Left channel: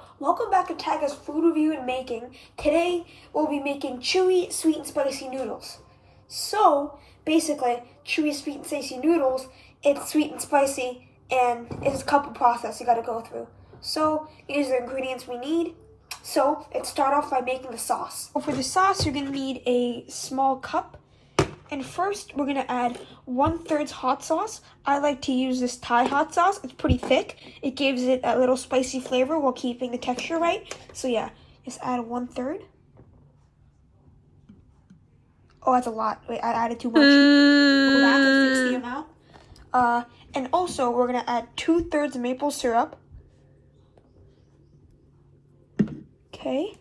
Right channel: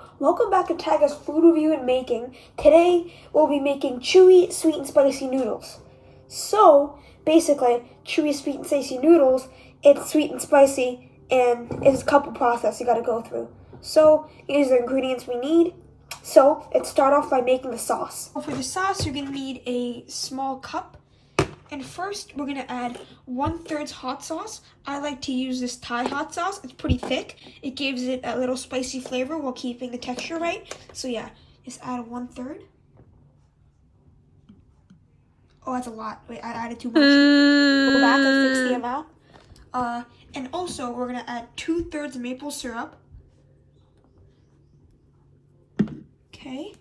Hello, welcome back to Taga's Food Review and Making. Today we'll be making chewy, sweet and spicy noodles. So basically, chewy, sweet and spicy noodles, it's sweet and spicy and it's a couple process you gotta go through. So here's the ingredients we need. So let's start off by making the sauce. For the sauce, you're gonna need a small cup. And first, we're gonna add 1/3 hot sauce. I like to use this Thai hot sauce. It's pretty thick. It gives it a little spicy flavor while keeping the texture right. So yeah, just add 1/3. Oh, that's a lot. Wait, I added too much. Go back and fix the amount. And also, we're gonna add 2/3 maple syrup. Okay.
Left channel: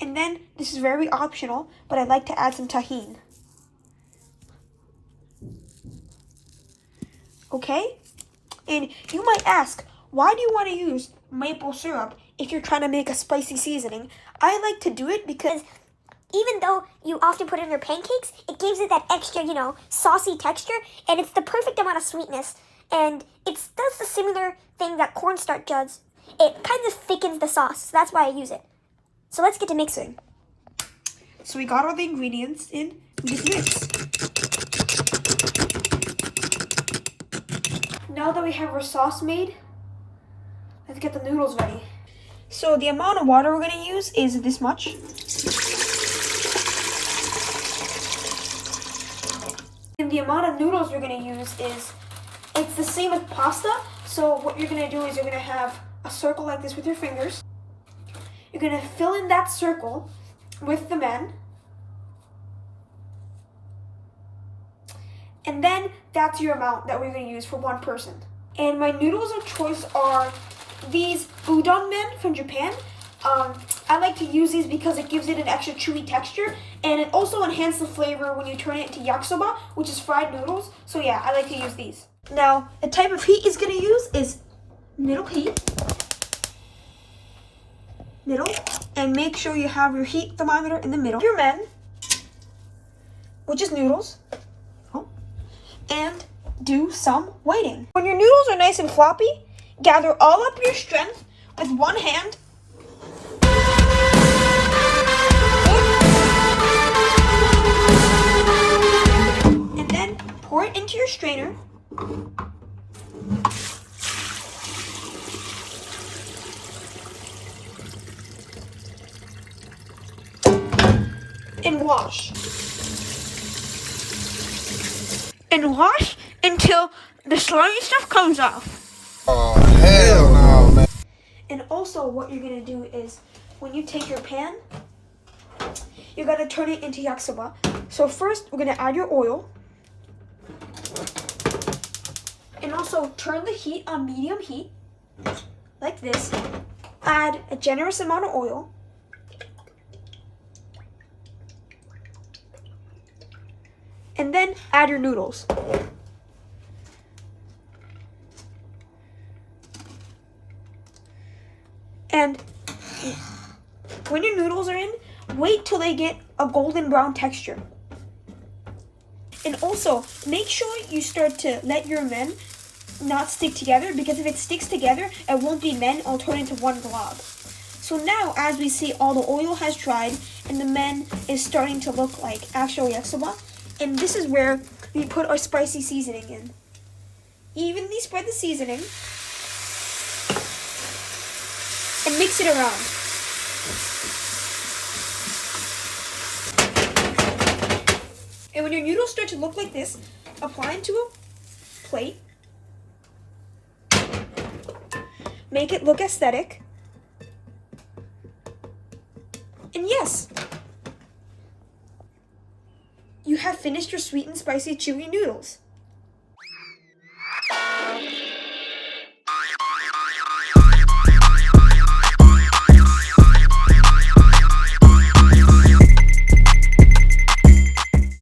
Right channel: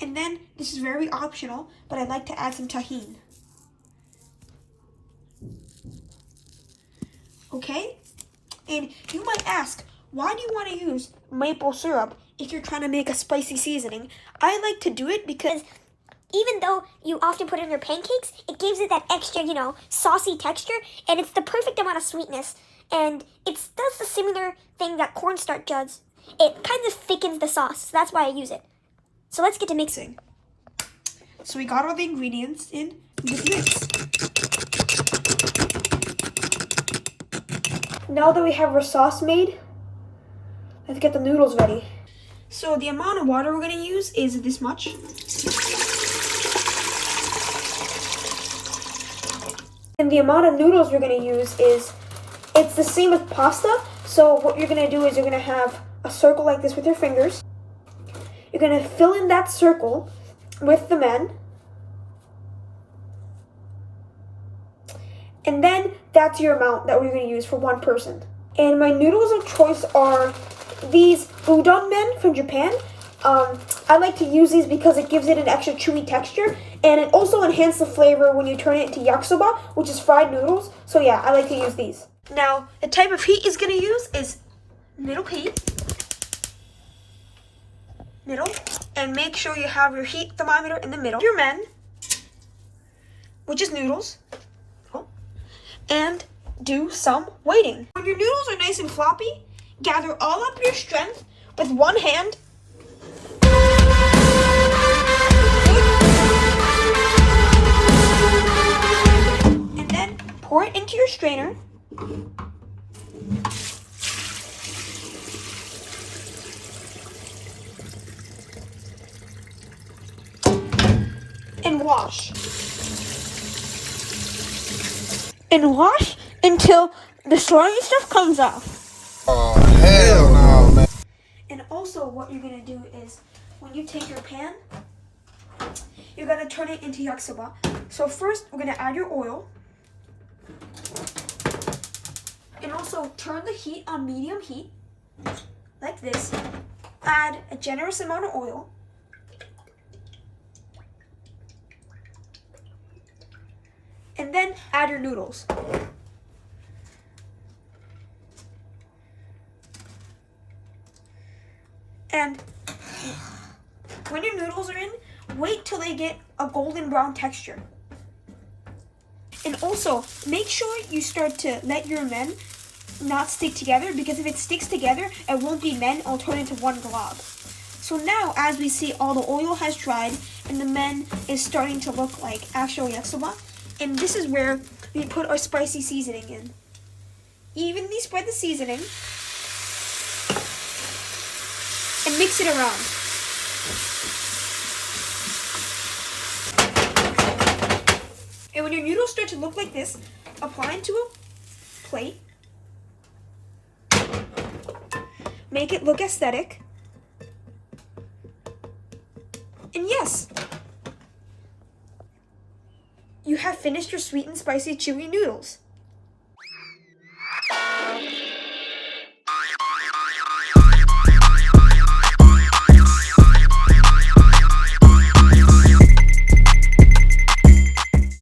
And then, this is very optional, but I'd like to add some tahini. Okay? And you might ask, why do you want to use maple syrup if you're trying to make a spicy seasoning? I like to do it because even though you often put it in your pancakes, it gives it that extra, saucy texture, and it's the perfect amount of sweetness. And it does the similar thing that cornstarch does. It kind of thickens the sauce, so that's why I use it. So let's get to mixing. So we got all the ingredients in, we just mix. Now that we have our sauce made, let's get the noodles ready. So the amount of water we're gonna use is this much. And the amount of noodles we're gonna use it's the same as pasta. So what you're gonna do is you're gonna have a circle like this with your fingers. You're going to fill in that circle with the men. And then that's your amount that we're going to use for one person. And my noodles of choice are these udon men from Japan. I like to use these because it gives it an extra chewy texture. And it also enhances the flavor when you turn it into yakisoba, which is fried noodles. So yeah, I like to use these. Now, the type of heat is going to use is middle heat. Middle, and make sure you have your heat thermometer in the middle. Your men, which is noodles, and do some waiting. When your noodles are nice and floppy, gather all up your strength with one hand. And then pour it into your strainer. And wash. And wash until the slimy stuff comes off. Oh, hell no, man. And also what you're going to do is when you take your pan, you're going to turn it into yakisoba. So first we're going to add your oil. And also turn the heat on medium heat, like this. Add a generous amount of oil. And then add your noodles. And when your noodles are in, wait till they get a golden brown texture. And also, make sure you start to let your men not stick together, because if it sticks together, it won't be men, it'll turn into one glob. So now, as we see, all the oil has dried, and the men is starting to look like actual yakisoba. And this is where we put our spicy seasoning in. Evenly spread the seasoning and mix it around. And when your noodles start to look like this, apply it to a plate. Make it look aesthetic. And yes, you have finished your sweet and spicy chewy noodles.